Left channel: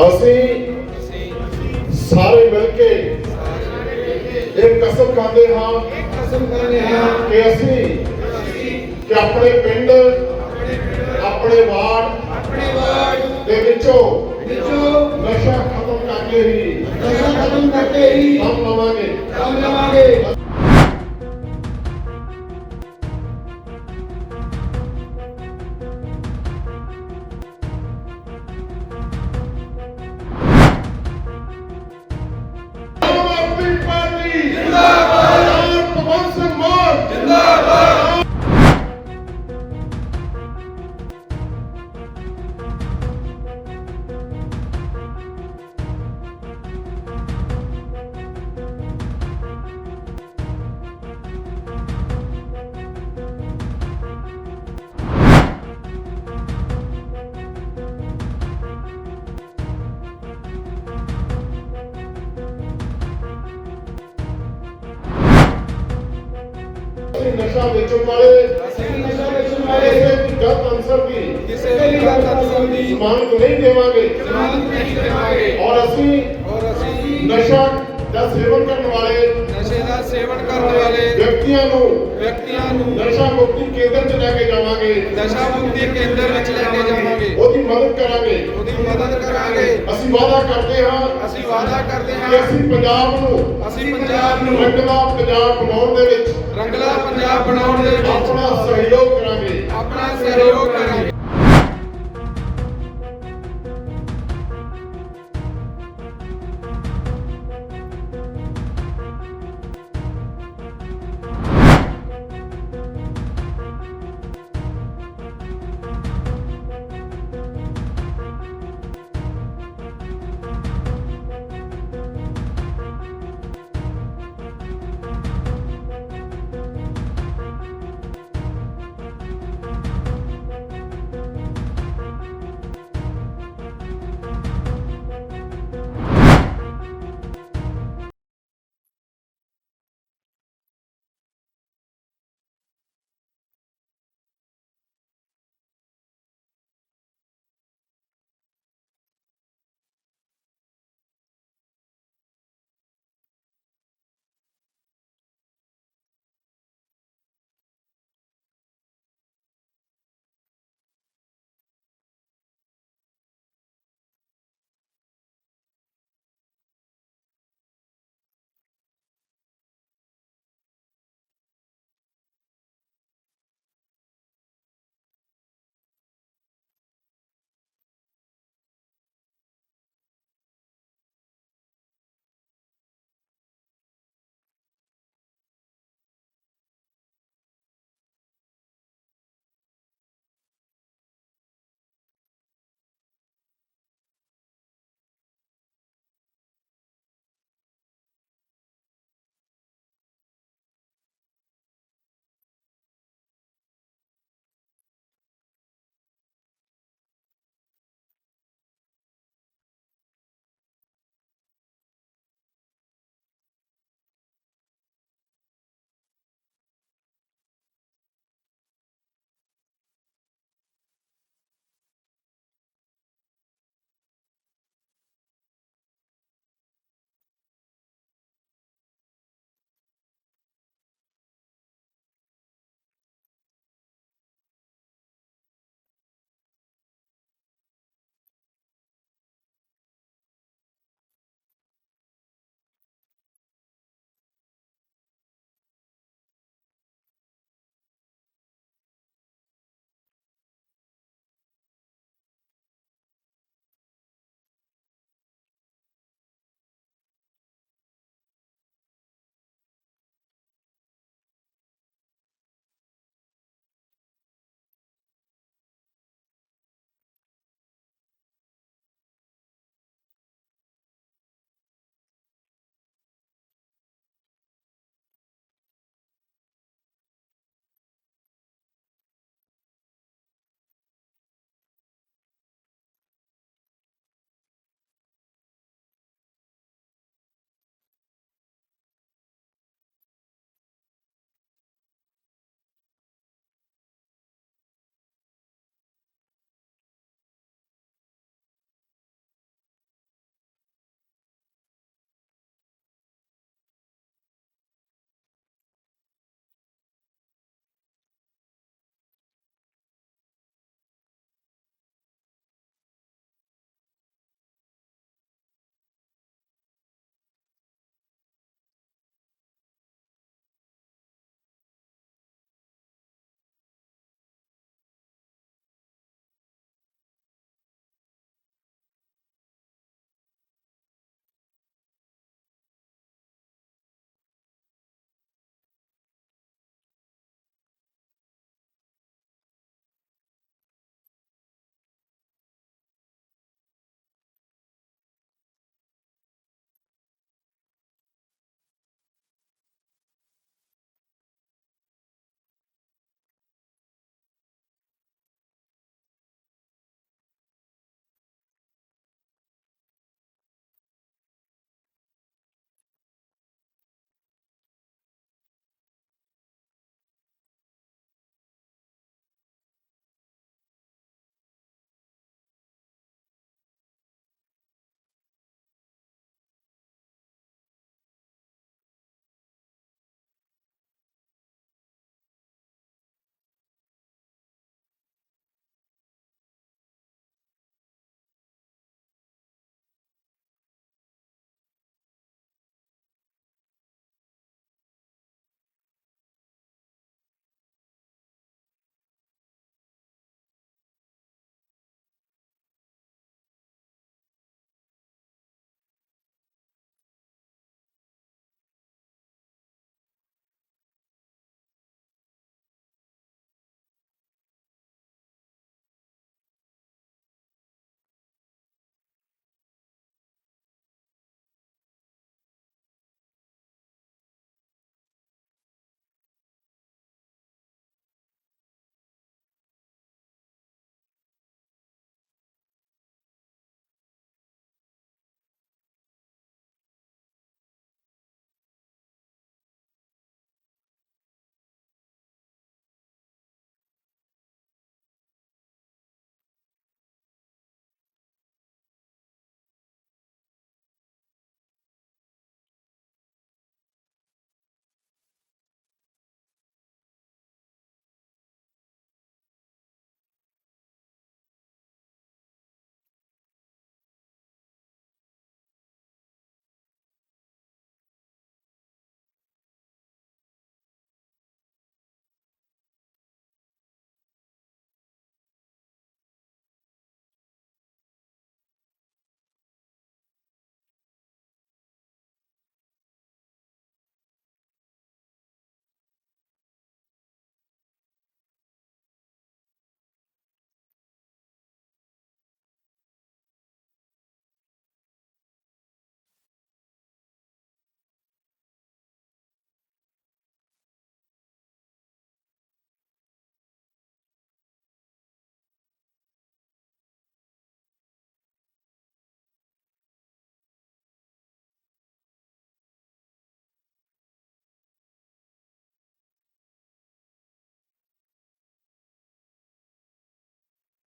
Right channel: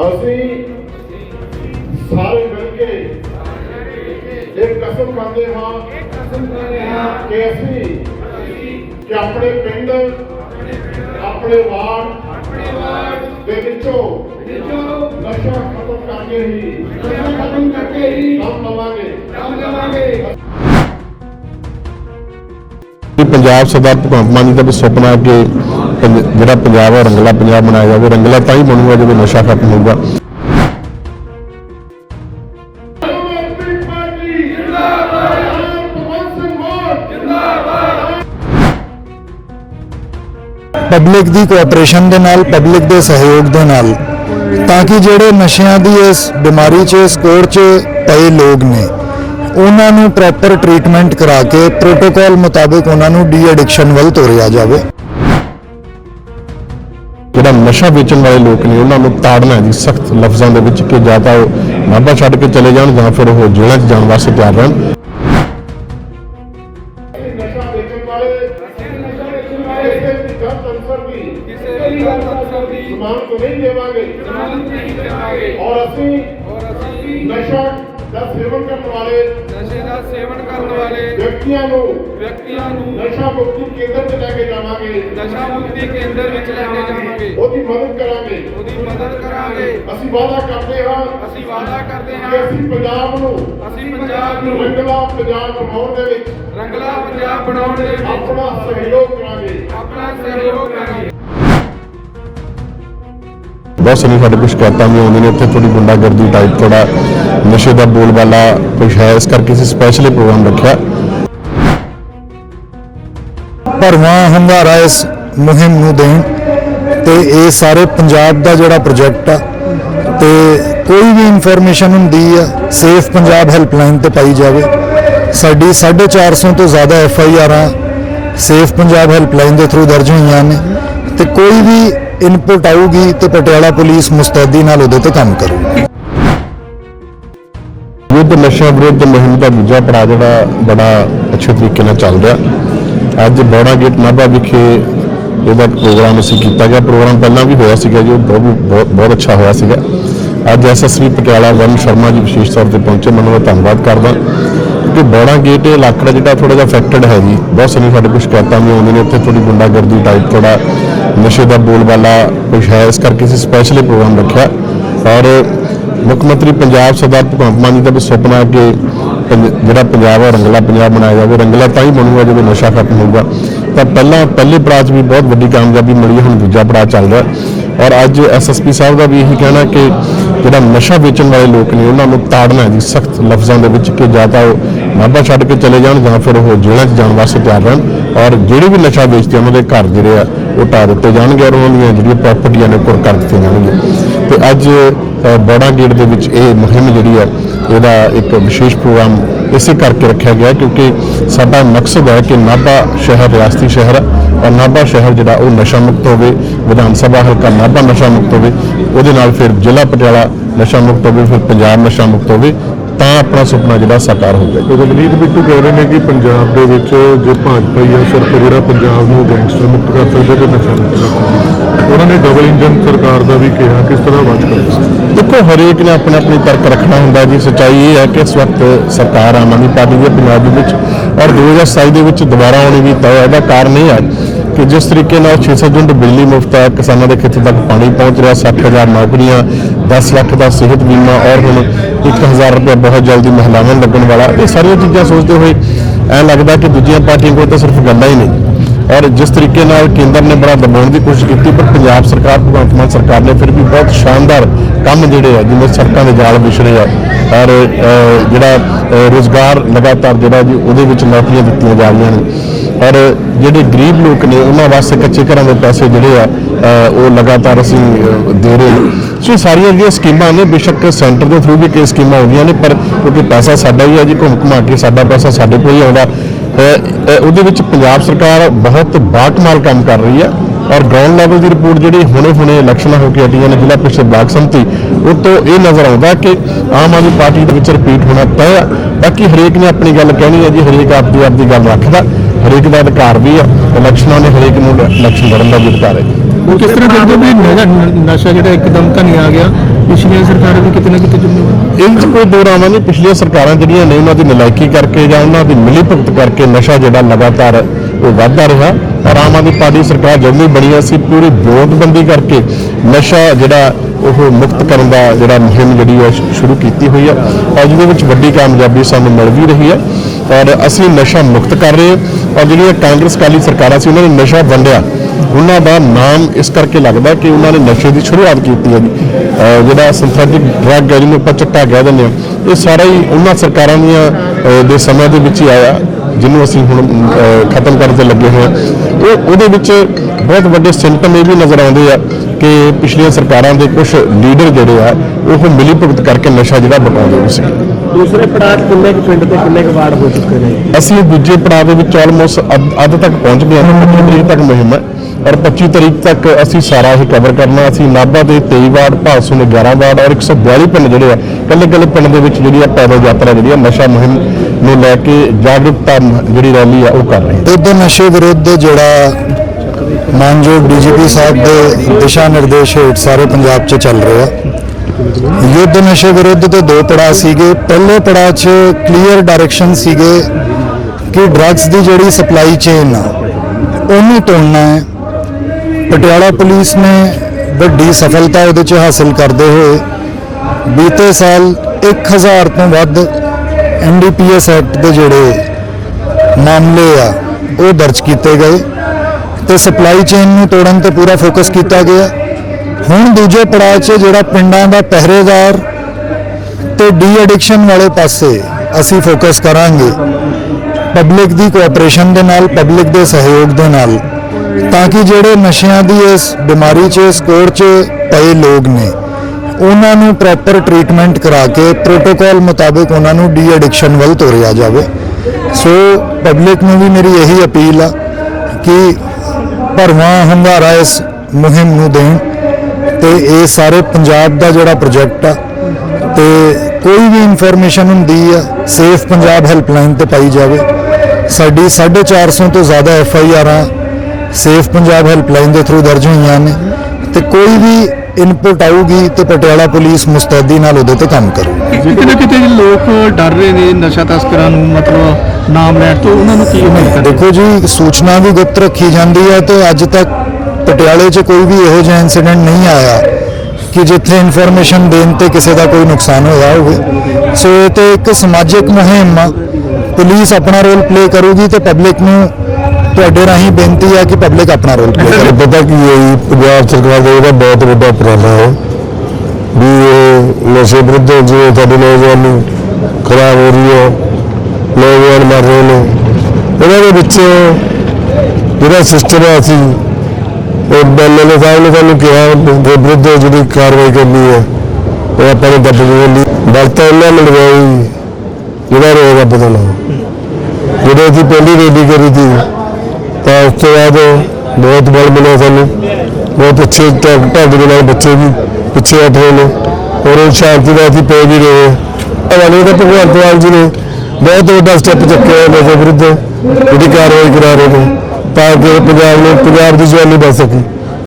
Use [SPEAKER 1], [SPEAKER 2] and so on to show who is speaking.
[SPEAKER 1] ਅਸੀਂ ਸਾਰੇ ਮਿਲ ਕੇ ਇਹ ਕਸਮ ਖਾਂਦੇ ਹਾਂ ਕਿ ਅਸੀਂ ਕਿ ਆਪਣੇ ਪਿੰਡ, ਆਪਣੇ ਵਾਰਡ ਦੇ ਵਿੱਚੋਂ ਨਸ਼ਾ ਖਤਮ ਕਰਕੇ ਹੀ
[SPEAKER 2] ਨਸ਼ਾ ਖਤਮ ਕਰਕੇ ਹੀ
[SPEAKER 1] ਦਮ ਲਵਾਂਗੇ।
[SPEAKER 2] ਕੰਮ ਲਵਾਂਗੇ
[SPEAKER 3] ਪੰਜਾਬ ਸਰਦਾਰ ਭਗਵੰਤ ਮਾਨ ਜੀ ਦਾ ਵੀ ਸੁਪਨਾ ਹੈ ਕਿ ਪੰਜ- ਜਿਹੜਾ ਪੰਜਾਬ ਹੈ ਰੰਗਲਾ ਪੰਜਾਬ ਬਣਾਇਆ ਜਾਵੇ, ਰੰਗਲਾ ਤਾਂ ਹੀ ਬਣੂਗਾ ਜਦੋਂ ਨਸ਼ਾ ਖਤਮ ਹੋਊਗਾ।
[SPEAKER 1] ਆਦਮੀ ਪਾਰਟੀ ਜਿੰਦਾਬਾਦ ਭਗਵੰਤ ਸਿੰਘ ਮਾਨ
[SPEAKER 4] ਪਬਲਿਕ ਦੀ ਕੋਆਪਰੇਸ਼ਨ ਦੇ ਨਾਲ ਪਬਲਿਕ ਦੇ ਸਹਿਯੋਗ ਦੇ ਨਾਲ, ਤਾਂ ਕਿ ਜਿਹੜੇ ਨਸ਼ਿਆਂ ਦੀ ਇਸ ਬਿਮਾਰੀ 'ਚ, ਇਸ ਕੋਰ 'ਚ ਪਏ ਲੋਕ ਨੇ, ਉਹਨਾਂ ਨੂੰ ਪ੍ਰੋਪਰ ਟ੍ਰੀਟਮੈਂਟ ਕਰਾ ਕੇ ਪ੍ਰੋਟੋਕਾਲ ਮੁਤਾਬਕ ਉਹਨਾਂ ਨੂੰ ਡੀ ਐਡਿਕਸ਼ਨ ਵੱਲ ਤੋਰਿਆ ਜਾਵੇ।
[SPEAKER 3] ਜਿਹੜਾ ਨਸ਼ਾ ਵੇਚਣ ਵਾਲੇ ਲੋਕ ਨੇ ਉਹਨਾਂ ਨੂੰ ਤਾੜਨਾ ਹੈ ਜੀ ਸਖਤ ਲਫ਼ਜ਼ਾਂ ਦੇ ਵਿੱਚ ਕਿ ਜਾਂ ਤਾਂ ਉਹ ਨਾਭਾ ਛੱਡ ਕੇ ਚਲੇ ਜਾਣ ਜਾਂ ਫਿਰ ਉਹ ਜੇਲ੍ਹਾਂ 'ਚ ਜਾਣ ਵਾਸਤੇ ਤਿਆਰ ਰਹਿਣ।
[SPEAKER 1] ਅਸੀਂ ਨਸ਼ਾ ਵੇਚਣ ਵਾਲੇ
[SPEAKER 2] ਅਸੀਂ ਨਸ਼ਾ ਵੇਚਣ ਵਾਲੇ
[SPEAKER 1] ਕਿਸੇ ਵੀ ਗਲਤ ਅਨਸਰ ਦੀ
[SPEAKER 2] ਕਿਸੇ ਵੀ ਗੱਲ ਅਨਸਰ ਦੀ
[SPEAKER 1] ਜ਼ਮਾਨਤ ਨਹੀਂ ਦੇਵਾਂਗੇ।
[SPEAKER 2] ਜ਼ਮਾਨਤ ਨਹੀਂ ਦੇਵਾਂਗੇ।
[SPEAKER 1] ਔਰ ਅਸੀਂ
[SPEAKER 2] ਔਰ ਅਸੀਂ
[SPEAKER 1] ਨਸ਼ਾ ਦਾ ਸੇਵਨ ਕਰਨ ਵਾਲੇ
[SPEAKER 2] ਨਸ਼ੇ ਦਾ ਸੇਵਨ ਕਰਨ ਵਾਲੇ
[SPEAKER 1] ਵਿਅਕਤੀਆਂ ਨੂੰ
[SPEAKER 2] ਵਿਅਕਤੀਆਂ ਨੂੰ
[SPEAKER 1] ਨਸ਼ਾ ਮੁਕਤੀ ਕੇਂਦਰ 'ਚ ਲੈ ਕੇ ਜਾਵਾਂਗੇ।
[SPEAKER 2] ਨਸ਼ਾ ਮੁਕਤੀ ਕੇਂਦਰ ਵਿੱਚ ਲੈ ਕੇ ਜਾਵਾਂਗੇ।
[SPEAKER 1] ਉਹਦੀ ਮਦਦ ਕਰਾਂਗੇ।
[SPEAKER 2] ਉਹਦੀ ਮਦਦ ਕਰਾਂਗੇ।
[SPEAKER 1] ਅਸੀਂ ਵਾਅਦਾ ਕਰਦੇ ਹਾਂ
[SPEAKER 2] ਅਸੀਂ ਵਾਅਦਾ ਕਰਦੇ
[SPEAKER 1] ਕਿ
[SPEAKER 2] ਹਾਂ
[SPEAKER 1] ਅਸੀਂ ਪੰਜਾਬ ਨੂੰ
[SPEAKER 2] ਅਸੀਂ ਪੰਜਾਬ ਨੂੰ
[SPEAKER 1] ਰੰਗਲਾ ਪੰਜਾਬ ਬਣਾਉਣ ਦੇ ਵਿੱਚ
[SPEAKER 2] ਰੰਗਲਾ ਪੰਜਾਬ ਬਣਾਉਣ ਦੇ ਵਿੱਚ
[SPEAKER 1] ਆਪਣਾ ਸਹਿਯੋਗ ਕਰਾਂਗੇ।
[SPEAKER 2] ਆਪਣਾ ਸਹਿਯੋਗ ਕਰਾਂਗੇ।
[SPEAKER 3] ਬਹੁਤ ਸਾਰੀ ਸਾਡੇ ਕੁਝ ਸ਼ਿਕਾਇਤਾਂ ਵੀ ਆਉਂਦੀਆਂ ਨੇ। ਇੱਥੇ ਥੋੜੀ ਗੁੰਡਾਗਰਦੀ ਟਾਈਪ ਥੋੜਾ ਨਸ਼ੇ ਦਾ ਬੋਲਬਾਲਾ ਕੁਝ ਹੈ, ਇਸ ਕਰਕੇ ਅਸੀਂ ਸਪੈਸ਼ਲੀ ਪ੍ਰੋਗਰਾਮ ਰੱਖਿਆ।
[SPEAKER 4] ਭਰਵਾਂ ਹੰਗਾਰਾ ਇਸ ਮੁਹਿੰਮ ਨੂੰ ਦੇਣ ਤੇ ਇਹ ਸਾਰੇ ਪੰਜਾਬ ਦਾ ਜਿਹੜਾ ਪ੍ਰੋਜੈਕਟ ਆ, ਤੇ ਕੋਈ ਵੀ ਇਨਫੋਰਮੇਸ਼ਨ ਹੁੰਦੀ ਆ ਸੇਫ ਪੰਜਾਬ ਹੈਲਪਲਾਈਨ ਤੇ ਪਾਈ ਜਾਵੇ। ਸਾਡੀ 450 ਤੋਂ ਜ਼ਿਆਦਾ ਐਫ ਆਈ ਆਰਾਂ ਸੇਫ ਪੰਜਾਬ ਹੈਲਪਲਾਈਨ ਦੇ ਥਰੂ ਦਰਜ ਹੋਈਆਂ ਨੇ, ਤੇ ਕੋਈ ਵੀ ਇਨਪੁਟ ਆਊਗੀ ਤੇ ਪਟਿਆਲਾ ਪੁਲਿਸ ਮੁਸਤੈਦੀ ਨਾਲ ਉਹਦੇ ਤੇ ਕੰਮ ਕਰੂਗੀ।
[SPEAKER 3] ਯੁੱਧ ਨਸ਼ਾ ਵਿਰੁੱਧ ਮੁਹਿੰਮ ਦਾ ਦੂਜਾ ਪੜਾਅ ਜਿਹੜਾ ਬੜਾ ਅੱਛੇ ਤਰੀਕੇ ਨਾਲ ਚੱਲ ਰਿਹਾ। ਅੱਜ ਬੋੜਾ ਗੇਟ ਨਾਭਾ ਵਿਖੇ ਇਹਦਾ ਪ੍ਰੋਗਰਾਮ ਅਸੀਂ ਕੀਤਾ ਗਿਆ। ਪ੍ਰੋਗਰਾਮ ਪਹਿਲਾਂ ਵੀ ਹੋਇਆ ਸੀਗਾ ਜੀ, ਉਹ ਬਹੁਤ ਬਹੁਤ ਬਹੁਤ ਅੱਛਾ ਹੋਇਆ ਸੀਗਾ। ਅੱਜ ਐਸਐਸਪੀ ਪਟਿਆਲਾ ਵਨ ਸ਼ਰਮਾ ਜੀ ਵਿਸ਼ੇਸ਼ ਤੌਰ ਤੇ ਪਹੁੰਚੇ ਮੈਨੂੰ ਮੈਂ ਧੰਨਵਾਦ ਕਰਦਾ। ਕਿ ਬੋੜਾ ਗੇਟ ਇਹ ਇਲਾਕਾ ਜਿਹੜਾ ਥੋੜਾ ਜਿਹਾ ਅਫੈਕਟਡ ਹੈ ਜੀ। ਬਹੁਤ ਸਾਰੀ ਸਾਡੇ ਕੁਝ ਸ਼ਿਕਾਇਤਾਂ ਵੀ ਆਉਂਦੀਆਂ ਨੇ ਉੱਥੇ ਥੋੜੀ ਗੁੰਡਾਗਰਦੀ ਟਾਈਪ ਥੋੜਾ ਨਸ਼ੇ ਦਾ ਬੋਲਬਾਲਾ ਕੁਝ ਹੈ, ਇਸ ਕਰਕੇ ਅਸੀਂ ਸਪੈਸ਼ਲੀ ਪ੍ਰੋਗਰਾਮ ਰੱਖਿਆ। ਔਰ ਮੁੱਖ ਮੰਤਰੀ ਪੰਜਾਬ ਸਰਦਾਰ ਭਗਵੰਤ ਮਾਨ ਜੀ ਦਾ ਵੀ ਸੁਪਨਾ ਕਿ ਪੰਜ- ਜਿਹੜਾ ਪੰਜਾਬ ਹੈ ਰੰਗਲਾ ਪੰਜਾਬ ਬਣਾਇਆ ਜਾਵੇ। ਰੰਗਲਾ ਤਾਂ ਹੀ ਬਣੂਗਾ ਜਦੋਂ ਨਸ਼ਾ ਖਤਮ ਹੋਊਗਾ। ਤਾਂ ਪਹਿਲਾਂ ਪਹਿਲੇ ਪੜਾਅ 'ਚ ਵੀ ਬਹੁਤ ਵੱਡੀ ਕਾਮਯਾਬੀ ਮਿਲੀ ਹੈ, ਹੁਣ ਦੂਜਾ ਪੜਾਅ ਚੱਲ ਰਿਹਾ ਔਰ ਅੱਜ ਐਸਐਸਪੀ ਸਾਹਿਬ ਦਾ ਵੀ ਇਹੀ ਕਹਿਣਾ ਕਿ ਜਿਹੜਾ ਨਸ਼ਾ ਵੇਚਣ ਵਾਲੇ ਲੋਕ ਨੇ ਉਹਨਾਂ ਨੂੰ ਤਾੜਨਾ ਜੀ ਸਖਤ ਲਫ਼ਜ਼ਾਂ ਦੇ ਵਿੱਚ ਕਿ ਜਾਂ ਤਾਂ ਉਹ ਨਾਭਾ ਛੱਡ ਕੇ ਚਲੇ ਜਾਣ ਜਾਂ ਫਿਰ ਉਹ ਜੇਲ੍ਹਾਂ 'ਚ ਜਾਣ ਵਾਸਤੇ ਤਿਆਰ ਰਹਿਣ। ਔਰ ਜਿਹੜੇ ਵੀ ਨਸ਼ਾ ਵੇਚਦੇ ਆ, ਉਹਨਾਂ ਦੇ ਘਰ ਜਿਹੜੇ ਆ ਉਹ ਢਾਹ ਦਿੱਤੇ ਜਾਣਗੇ ਔਰ ਉਹਨਾਂ ਦੀਆਂ ਜਿਹੜੀਆਂ ਪ੍ਰਾਪਰਟੀਆਂ ਨੇ ਕੁਰ ਕਰ ਦਿੱਤੀਆਂ ਜਾਣਗੀਆਂ। ਤੇ ਅੱਜ ਬੋੜਾ ਗੇਟ ਦੇ ਵਿੱਚ ਇਹ ਮੁਹਿੰਮ ਜਿਹੜੀ ਹੈ, ਇਹਦਾ ਇੱਕ ਵਿਸ਼ੇਸ਼ ਪ੍ਰੋਗਰਾਮ ਇਸੇ ਕਰਕੇ ਰੱਖਿਆ ਗਿਆ ਕਿਉਂਕਿ ਸਾਡਾ ਮਕਸਦ ਹੈ ਕਿ ਨਾਭਾ ਸ਼ਹਿਰ ਰਿਆਸਤੀ ਸ਼ਹਿਰ ਹੈ ਔਰ ਨਾਭਾ ਸ਼ਹਿਰ ਜਿਹੜਾ ਉਹ ਨਸ਼ਾ ਮੁਕਤ ਹੋਵੇ, ਵਿਧਾਨ ਸਭਾ ਹਲਕਾ ਨਾਭਾ ਨਸ਼ਾ ਮੁਕਤ ਹੋਵੇ, ਉਹਦੇ ਨਾਲ ਫਿਰ ਜ਼ਿਲ੍ਹਾ ਪਟਿਆਲਾ ਨਸ਼ਾ ਮੁਕਤ ਹੋਵੇ, ਫਿਰ ਪੰਜਾਬ ਨਸ਼ਾ ਮੁਕਤ ਹੋਵੇ, ਤਾਂ ਆਪਣਾ ਸੁਪਨਾ ਜਿਹੜਾ ਸਾਕਾਰ ਹੋਊਗਾ
[SPEAKER 5] ਰਵਨੀਤ ਬਿੱਟੂ ਕਹਿ ਰਹੇ ਨੇ ਕਿ ਪੰਜਾਬ ਦੇ ਵਿੱਚ ਜੇ ਭਾਜਪਾ ਹੀ ਆ ਸਿਰਫ ਜਿਹੜਾ ਪੰਜਾਬ ਨੂੰ ਗੈਂਗਸਟਰ ਮੁਕਤ ਕਰ ਸਕਦਾ ਤੇ ਨਸ਼ਾ ਮੁਕਤ ਕਰ ਸਕਦਾ। ਉਹਨਾਂ ਨੇ ਡਬਲ ਇੰਜਨ ਸਰਕਾਰ ਦਾ ਵੀ ਕਿਹਾ, ਕਿਸ ਤਰ੍ਹਾਂ ਵਾਚ ਕਰ
[SPEAKER 3] ਦੇਖੋ, ਹਰੇਕ ਨੇ ਆਪਣੇ ਆਪਣੀ ਤਰਕ ਰੱਖਣਾ ਹੁੰਦਾ ਜੀ। ਸੱਚਾਈ ਇਹ ਹੈ ਕਿ ਇਸ ਵਕਤ ਸਰਕਾਰ ਆਮ ਆਦਮੀ ਪਾਰਟੀ ਦੀ ਹੈ ਪੰਜਾਬ ਦੇ ਵਿੱਚ। ਔਰ 2027 ਦੇ ਵਿੱਚ ਦੁਬਾਰਾ ਆਉਣੀ ਵੀ ਤਾਂ ਇਹਦਾ ਕਾਰਨ ਇਹ ਹੈ ਕਿ ਜਿਸ ਤਰੀਕੇ ਨਾਲ 600 ਯੂਨਿਟ ਬਿਜਲੀ ਮੁਫਤ ਹੈ, ਕਿਸਾਨਾਂ ਦੇ ਖੇਤਾਂ ਤੱਕ ਪਾਣੀ ਪਹੁੰਚ ਰਿਹਾ 60000 ਨੌਕਰੀਆਂ 10 ਲੱਖ ਦਾ ਸਿਹਤ ਬੀਮਾ ਔਰ ਹੁਣ 1000 ਰੁਪਏ ਬਹੁਤ ਜਲਦੀ ਮਹਿਲਾਵਾਂ ਨੂੰ ਲੱਗਣ ਵਾਲਾ। ਇਹ ਸਾਰੀਆਂ ਚੀਜ਼ਾਂ ਸੋਚਦੇ ਹੋਏ ਐਂ ਲੱਗਦਾ ਕਿ ਦੂਜੀਆਂ ਪਾਰਟੀਆਂ ਕੋਲ ਤਾਂ ਸਿਰਫ ਗੱਲਾਂ ਹੀ ਨਹੀਂ। ਔਰ ਜਿਸ ਤਰੀਕੇ ਨਾਲ ਕੇਂਦਰ ਨੇ ਬੜਾ ਦਬਾਉਣ ਦੀ ਕੋਸ਼ਿਸ਼ ਕੀਤੀ ਪਰ ਪੰਜਾਬ ਸਰਕਾਰ ਭਗਵੰਤ ਮਾਨ ਸਰਕਾਰ ਨੇ ਫਿਰ ਵੀ ਬਹੁਤ ਸ਼ਾਨਦਾਰ ਕੰਮ ਜਿਹੜੇ ਆ ਜਿਵੇਂ ਸੜਕਾਂ ਦੇ ਜਾਲ ਵਿਛੜੇ ਆ ਔਰ ਜਿਹੜਾ ਅਹ, ਰੁਜ਼ਗਾਰ ਲਗਾਤਾਰ ਜਿਹੜਾ ਜੀ ਉਹਦੇ ਵਿੱਚ ਨੌਕਰੀਆਂ ਦਿੱਤੀਆਂ ਜਾ ਰਹੀਆਂ ਨੇ ਔਰ ਜਿਹੜੇ ਗਰੀਬ ਲੋਕ ਨੇ ਉਹਨਾਂ ਵਾਸਤੇ ਕੱਚੇ ਘਰਾਂ ਦੇ ਪੈਸੇ ਜਿਹੜੇ ਆ ਉਹ ਲਗਾਤਾਰ ਅਸੀਂ ਦੇ ਰਹੇ ਹਾਂ। ਸੋ ਸਾਰੀਆਂ ਜਿਹੜੀਆਂ ਸਕੀਮਾਂ ਨੇ ਬੇਸ਼ੱਕ ਸੈਂਟਰ ਦੇ ਥਰੂ ਵੀ ਕਈ ਸਕੀਮਾਂ ਆਉਂਦੀਆਂ ਨੇ ਪਰ ਕਿਉਂਕਿ ਪੈਸਾ ਸਾਡਾ ਹੀ ਹੈ ਜੀ ਘੁੰਮ ਘੁਮਾ ਕੇ ਸਾਡਾ ਪੈਸਾ ਸਾਡੇ ਕੋਲ ਹੀ ਆਉਂਦਾ ਉਹਦੇ ਵਿੱਚ ਪੰਜਾਬ ਸਰਕਾਰ ਬਹੁਤ ਬਾਕਮਾਲ ਕੰਮ ਕਰ ਰਹੀ ਹੈ ਔਰ ਗਰਾਊਂਡ ਲੈਵਲ ਦੀ ਰਿਪੋਰਟ ਜਿਹੜੀ ਹੁਣੇ-ਹੁਣੇ ਇਲੈਕਸ਼ਨਾਂ ਹੋ ਕੇ ਹਟੀਆਂ ਨੇ, ਜ਼ਿਲ੍ਹਾ ਪ੍ਰੀਸ਼ਦ ਬਲਾਕ ਸੰਮਤੀ, ਉਹ ਤੋਂ ਇਹ ਨਜ਼ਰ ਆਉਂਦਾ ਕਿ ਆਮ ਆਦਮੀ ਪਾਰਟੀ ਦੇ ਵਿੱਚ ਰਿਪੀਟ ਹੋਣਾ ਤੈਅ ਹੈ ਬਾਕੀ ਹਰੇਕ ਨੇ ਆਪਣੀ ਗੱਲ ਕਹਿਣੀ ਹੈ ਜੀ, ਹਰੇਕ ਆਪਦੀ ਆਪਦੀ ਗੱਲ ਰੱਖਦਾ। ਹਰੇਕ ਦਾ ਅਧਿਕਾਰ ਵੀ ਹੈ ਇਲੈਕਸ਼ਨਾਂ ਨੇ ਹਰੇਕ ਨੂੰ ਇਲੈਕਸ਼ਨ ਲੜਨ ਦਾ ਵੀ ਅਧਿਕਾਰ ਹੈ।
[SPEAKER 6] ਕਿਸ ਤਰ੍ਹਾਂ ਦੇਖਦੇ ਵੀ ਨਸ਼ਾ- ਨਸ਼ਾ ਜਿਹੜਾ ਇੱਕਦਮ ਤਾਂ ਨਹੀਂ ਆ ਗਿਆ।
[SPEAKER 2] ਪਿਛਲੀਆਂ ਸਰਕਾਰਾਂ ਵੀ ਕਿਤੇ ਨਾ ਕਿਤੇ ਜ਼ਿੰਮੇਵਾਰ
[SPEAKER 3] ਇਹ 'ਚ ਕੋਈ ਦੋ ਰਾਵਾਂ ਨਹੀਂ। ਪਿਛਲੀਆਂ ਸਰਕਾਰਾਂ ਜਿਹੜੀਆਂ ਨੇ, ਉਹਨਾਂ ਦੀ ਨਲਾਇਕੀ ਕਰਕੇ ਜਾਂ ਉਹਨਾਂ ਦੀ ਮਿਲੀ ਭੁਗਤ ਕਰਕੇ ਨਸ਼ਾ ਜਿਹੜਾ ਲਗਾਤਾਰ ਉਹ ਵੱਧਦਾ ਰਿਹਾ। ਔਰ ਆਮ ਆਦਮੀ ਪਾਰਟੀ ਸਰਕਾਰ ਜਦੋਂ ਦੀ ਬਣੀ ਅਸੀਂ ਪੂਰੀ ਵਿਰੋਧਬੰਦੀ ਕਰਕੇ ਨਸ਼ਾ ਜਿਹੜਾ ਉਹ ਮੁਕਤ ਕਰਨ ਦਾ ਜਿਹੜਾ ਮੁਹਿੰਮ ਜਿਹੜੀ ਉਹ ਸ਼ੁਰੂ ਕੀਤੀ ਹੋਈ ਹੈ। ਔਰ ਜਿਹਦੇ ਵਿੱਚ ਵੱਡੀ ਕਾਮਯਾਬੀ ਸਾਨੂੰ ਮਿਲ ਵੀ ਰਹੀ ਹੈ। ਔਰ ਅਸੀਂ ਨਸ਼ਾ ਮੁਕਤ ਕਰ ਰਹੇ ਹਾਂ। ਔਰ ਜਿਹੜੀਆਂ ਕਾਂਗਰਸ ਕਾਲੀ ਸਰਕਾਰਾਂ ਸੀ, ਉਹਨਾਂ ਨੇ ਨਸ਼ਾ ਵੰਡਿਆ। ਉਹਨਾਂ ਦਾ ਨਾਮ ਇਸ ਕਰਕੇ ਲੱਗਦਾ ਕਿ ਉਹਨਾਂ ਨੇ ਨਸ਼ੇ ਦੀ ਸ਼ੁਰੂਆਤ ਕੀਤੀ ਹੈ ਜਿਹੜਾ ਸਿੰਥੈਟਿਕ ਡਰੱਗ ਹੈ ਜਿਹਨੂੰ ਆਪਾਂ ਚਿੱਟਾ ਕਹਿ ਦਿੰਦੇ ਹਾਂ ਇਹ ਸਾਰਾ ਹੀ ਉਹਨਾਂ ਸਰਕਾਰਾਂ ਦੀਆਂ ਦੇ ਸਮੇਂ ਦੇ ਵਿੱਚ ਹੀ ਆਇਆ ਜਿਹਨੂੰ ਅਸੀਂ ਹੁਣ ਖਤਮ ਕਰਨ ਤੇ ਲੱਗੇ ਹੋਏ ਹਾਂ। ਉਹ ਉਹਦੇ ਵਿੱਚ ਬਹੁਤ ਵੱਡੇ ਸਿੰਪਟਮ ਇਹ ਵੀ ਨਜ਼ਰ ਆਉਂਦੇ ਆ ਕਿ ਪਿਛਲੀਆਂ ਸਰਕਾਰਾਂ ਦੇ ਕੁਝ ਲੀਡਰ ਜਿਹੜੇ ਆ ਉਹ ਮਿਲੀ ਭੁਗਤ ਕਰਕੇ ਨਸ਼ਾ ਜਿਹੜਾ ਬਟਾਉਂਦੇ ਸੀ
[SPEAKER 2] ਦੂਸਰੇ ਪੜਾਅ ਕਿੰਨੇ ਕੁ ਪਿੰਡ ਤੇ ਕਿੰਨੇ ਕੁ ਵਾਰਡ ਹੋ ਚੁੱਕੇ ਨੇ?
[SPEAKER 3] ਅਸੀਂ ਦੂਜੇ ਪੜਾਅ ਦੇ ਵਿੱਚ ਆਲਮੋਸਟ ਅੱਧ ਤੱਕ ਪਹੁੰਚ ਗਏ ਹਾਂ 25 ਤਰੀਕ ਤੱਕ ਮੁਹਿੰਮ ਹੈ। ਔਰ 25 ਤਰੀਕ ਤੱਕ ਅਸੀਂ ਸਾਰਾ ਇਹ ਕਵਰ ਕਰਨਾ। ਅਸੀਂ ਨਾਭਾ ਦੇ 23 ਵਾਰਡ ਭਾਸੂ ਦੇ 11 ਵਾਰਡ ਔਰ 142 ਪਿੰਡ ਜਿਹੜੇ ਆ ਕੱਲੇ ਕੱਲੇ ਪਿੰਡ ਦੇ ਵਿੱਚ ਜਿਹੜੀ ਆ ਪੈਦਲ ਯਾਤਰਾ ਜਿਹੜੀ ਆ, ਨਸ਼ਾ ਮੁਹਿੰਮ ਨੂੰ ਲੈ ਕੇ ਜਾਗਰੂਕਤਾ ਜਿਹੜੀ ਰੈਲੀ ਆ, ਉਹ ਕਰ ਰਹੇ ਹਾਂ।
[SPEAKER 4] ਯੁੱਧ ਨਸ਼ੇ ਵਿਰੁੱਧ ਜਿਹੜਾ ਮਾਨਯੋਗ ਡੀਜੀਪੀ ਸਾਹਿਬ ਦੇ ਦਿਸ਼ਾ ਨਿਰਦੇਸ਼ ਹੇਠ ਸਾਰੇ ਪੰਜਾਬ 'ਚ ਚੱਲ ਰਿਹਾ। ਯੁੱਧ ਨਸ਼ੇ ਵਿਰੁੱਧ ਦੇ ਦੋ ਪੜਾਅ ਸੀਗੇ। ਪਹਿਲੇ ਪੜਾਅ 'ਚ ਕਲੀਅਰ ਡਾਇਰੈਕਸ਼ਨ ਸੀਗੇ ਕਿ ਡਰੱਗਸ ਦੀ ਜਿਹੜੀ ਸਪਲਾਈ ਚੇਨ ਆ, ਉਹਨੂੰ ਤੋੜਨਾ ਹੈ। ਪਟਿਆਲਾ ਪੁਲਿਸ ਨੇ ਵੱਡੀ ਸਫਲਤਾ ਉਹਦੇ 'ਚ ਹਾਸਲ ਕਰਦੇ ਹੋਏ ਬੀਤੇ ਸਾਲ 1000 ਤੋਂ ਵੱਧ ਐਨਡੀਪੀਐਸ ਐਕਟ ਦੇ ਜਿਹੜੇ ਮਾਮਲੇ ਆ, ਉਹ ਦਰਜ ਕੀਤੇ ਗਏ ਤੇ ਸਪਲਾਈ ਚੇਨ ਨੂੰ ਤੋੜਨ ਤੇ ਪੂਰਾ ਫੋਕਸ ਕੀਤਾ ਗਿਆ। ਹੁਣ ਦੂਜੇ ਪੜਾਅ 'ਚ ਜਿਹੜਾ ਪਿੰਡਾਂ ਦਾ ਪਹਿਰੇਦਾਰ ਤੇ ਡੀ ਐਡਿਕਸ਼ਨ ਵਾਲੇ ਪਾਸੇ ਅਸੀਂ ਫੋਕਸ ਕਰਾਂਗੇ। ਪਬਲਿਕ ਦੀ ਕੋਆਪਰੇਸ਼ਨ ਦੇ ਨਾਲ ਪਬਲਿਕ ਦੇ ਸਹਿਯੋਗ ਦੇ ਨਾਲ। ਤਾਂ ਕਿ ਜਿਹੜੇ ਨਸ਼ਿਆਂ ਦੀ ਇਸ ਬਿਮਾਰੀ 'ਚ, ਇਸ ਕੋੜ 'ਚ ਪਏ ਲੋਕ ਨੇ, ਉਹਨਾਂ ਨੂੰ ਪ੍ਰੋਪਰ ਟ੍ਰੀਟਮੈਂਟ ਕਰਾ ਕੇ ਪ੍ਰੋਟੋਕਾਲ ਮੁਤਾਬਕ ਉਹਨਾਂ ਨੂੰ ਡੀ ਐਡਿਕਸ਼ਨ ਵੱਲ ਤੋਰਿਆ ਜਾਵੇ। ਸੋ ਪਬਲਿਕ ਨੂੰ ਵੀ ਮੇਰੀ ਇਹੀ ਅਪੀਲ ਆ ਕਿ ਭਰਵਾਂ ਹੰਗਾਰਾ ਇਸ ਮੁਹਿੰਮ ਨੂੰ ਦੇਣ ਤੇ ਇਹ ਸਾਰੇ ਪੰਜਾਬ ਦਾ ਜਿਹੜਾ ਪ੍ਰੋਜੈਕਟ ਆ ਤੇ ਕੋਈ ਵੀ ਇਨਫੋਰਮੇਸ਼ਨ ਹੁੰਦੀ ਆ ਸੇਫ ਪੰਜਾਬ ਹੈਲਪਲਾਈਨ ਤੇ ਪਾਈ ਜਾਵੇ। ਸਾਡੀ 450 ਤੋਂ ਜ਼ਿਆਦਾ ਐਫ ਆਈ ਆਰਾਂ ਸੇਫ ਪੰਜਾਬ ਹੈਲਪਲਾਈਨ ਦੇ ਥਰੂ ਦਰਜ ਹੋਈਆਂ ਨੇ ਤੇ ਕੋਈ ਵੀ ਇਨਪੁਟ ਆਊਗੀ ਤੇ ਪਟਿਆਲਾ ਪੁਲਿਸ ਮੁਸਤੈਦੀ ਨਾਲ ਉਹਦੇ ਤੇ ਕੰਮ ਕਰੂਗੀ।
[SPEAKER 2] ਕਿਤੇ ਨਾ ਕਿਤੇ ਲੋਕ ਡਰ ਰਹੇ ਨੇ ਨਸ਼ਾ ਤਸਕਰਾਂ ਨੂੰ ਮਤਲਬ ਨਾਮ ਲੈਣ ਤੋਂ ਉਹਨਾਂ ਨੂੰ ਕੀ ਉਮੀਦ ਕਰਦੇ?
[SPEAKER 4] ਦੇਖੋ ਜੀ ਸੂਚਨਾ ਵੀ ਗੁਪਤ ਰੱਖੀ ਜਾਂਦੀ ਹੈ ਤੇ ਅੱਜ ਤੱਕ ਪਟਿਆਲੇ 'ਚ ਕੋਈ ਵੀ ਇਹੋ ਜਿਹਾ ਇਨਸੀਡੈਂਟ ਨਹੀਂ ਆਇਆ ਕਿ ਜਿੱਥੇ ਇਨਫੋਰਮੇਸ਼ਨ ਦੇਣ ਤੇ ਕਿਸੇ ਦਾ ਕੋਈ ਨੁਕਸਾਨ ਹੋਇਆ ਹੋਵੇ। ਸੋ ਇਹ ਤੇ ਇੱਕ ਸਮਾਜਿਕ ਮੁਹਿੰਮ ਆ। ਪੁਲਿਸ ਆਪਣਾ ਰੋਲ ਪਲੇ ਕਰੂਗੀ ਤੇ ਪਬਲਿਕ ਨੂੰ ਤੁਹਾਡੇ ਰਾਹੀਂ ਬੇਨਤੀ ਹੈ ਕਿ ਪਬਲਿਕ ਆਪਣਾ ਰੋਲ ਪਲੇ ਕਰੇ।
[SPEAKER 3] ਪਤਾ ਕੀ ਹੈ ਜੀ, ਪੰਜਾਬ ਸਰਕਾਰ ਦਾ ਇਹਦਾ ਬਹੁਤ ਵੱਡਾ ਉਪਰਾਲਾ ਹੈ ਵੀ ਇਹ ਨਸ਼ੇ ਵਿਰੁੱਧ ਜਿਵੇਂ ਸਾਡੇ ਨੌਜਵਾਨੀ ਖਰਾਬ ਹੋ ਰਹੀ ਹੈ, ਨੌਜਵਾਨ ਮਰ ਰਹੇ ਨੇ, ਇਹਨਾਂ ਦੇ ਵਿੱਚ ਜਿਹੜਾ ਸਿਸਟਮ ਹੈ ਅਸੀਂ, ਉਹ ਬੈਲੇ ਸਾਹਿਬ ਨੇ ਸਾਨੂੰ ਕਿਹਾ ਦੇ ਵਿਰੁੱਧ ਜਿਹੜੀ ਕਾਰਵਾਈ ਕਰਨੀ ਹੈ, ਉਹ ਆਪਾਂ ਨੇ ਦੱਬ ਲਈ ਵਕਤ ਇਹਨਾਂ ਮਿਲ ਗਿਆ ਜੀ ਜਿਹੜਾ ਰੋਗਾ ਬਦਲਣਾ ਜਦੋਂ ਅਸੀਂ ਪਹਿਲੀ ਰੈਲੀ ਕਰੀ ਸੀ ਤਾਂ ਉਸ ਤੋਂ ਬਾਅਦ ਬਹੁਤ ਬਲ ਮਿਲਿਆ ਸਾਨੂੰ। ਬਹੁਤ ਅੱਛੇ ਢੰਗ ਢੰਗ ਦੇ ਨਾਲ ਬੱਚੇ ਵੀ ਪਿੱਛੇ ਹਟ ਰਹੇ ਨੇ। ਔਰ ਉਹ ਸ਼ਾਂਤੀ ਨਾਲ ਅਸੀਂ ਪੈ ਵੀ ਰਹੇ ਹਾਂ। ਅਵਾਲੇ ਦਾ ਭਗਵੰਤ ਮਾਨ ਜੀ ਨੇ ਬਹੁਤ ਵੱਡਾ ਸਟੈਪ ਚੱਕਿਆ ਹੈ ਨਸ਼ੇ ਵਿਰੁੱਧ। ਜਿਹੜੀ ਕਾਰਵਾਈ ਕਰਾ ਰਹੇ ਨੇ। ਤਾਂ ਕਿ ਪੰਜਾਬ ਨੂੰ ਪੰਜਾਬ ਦੀ ਜਵਾਨੀ ਬਚ ਸਕੇ।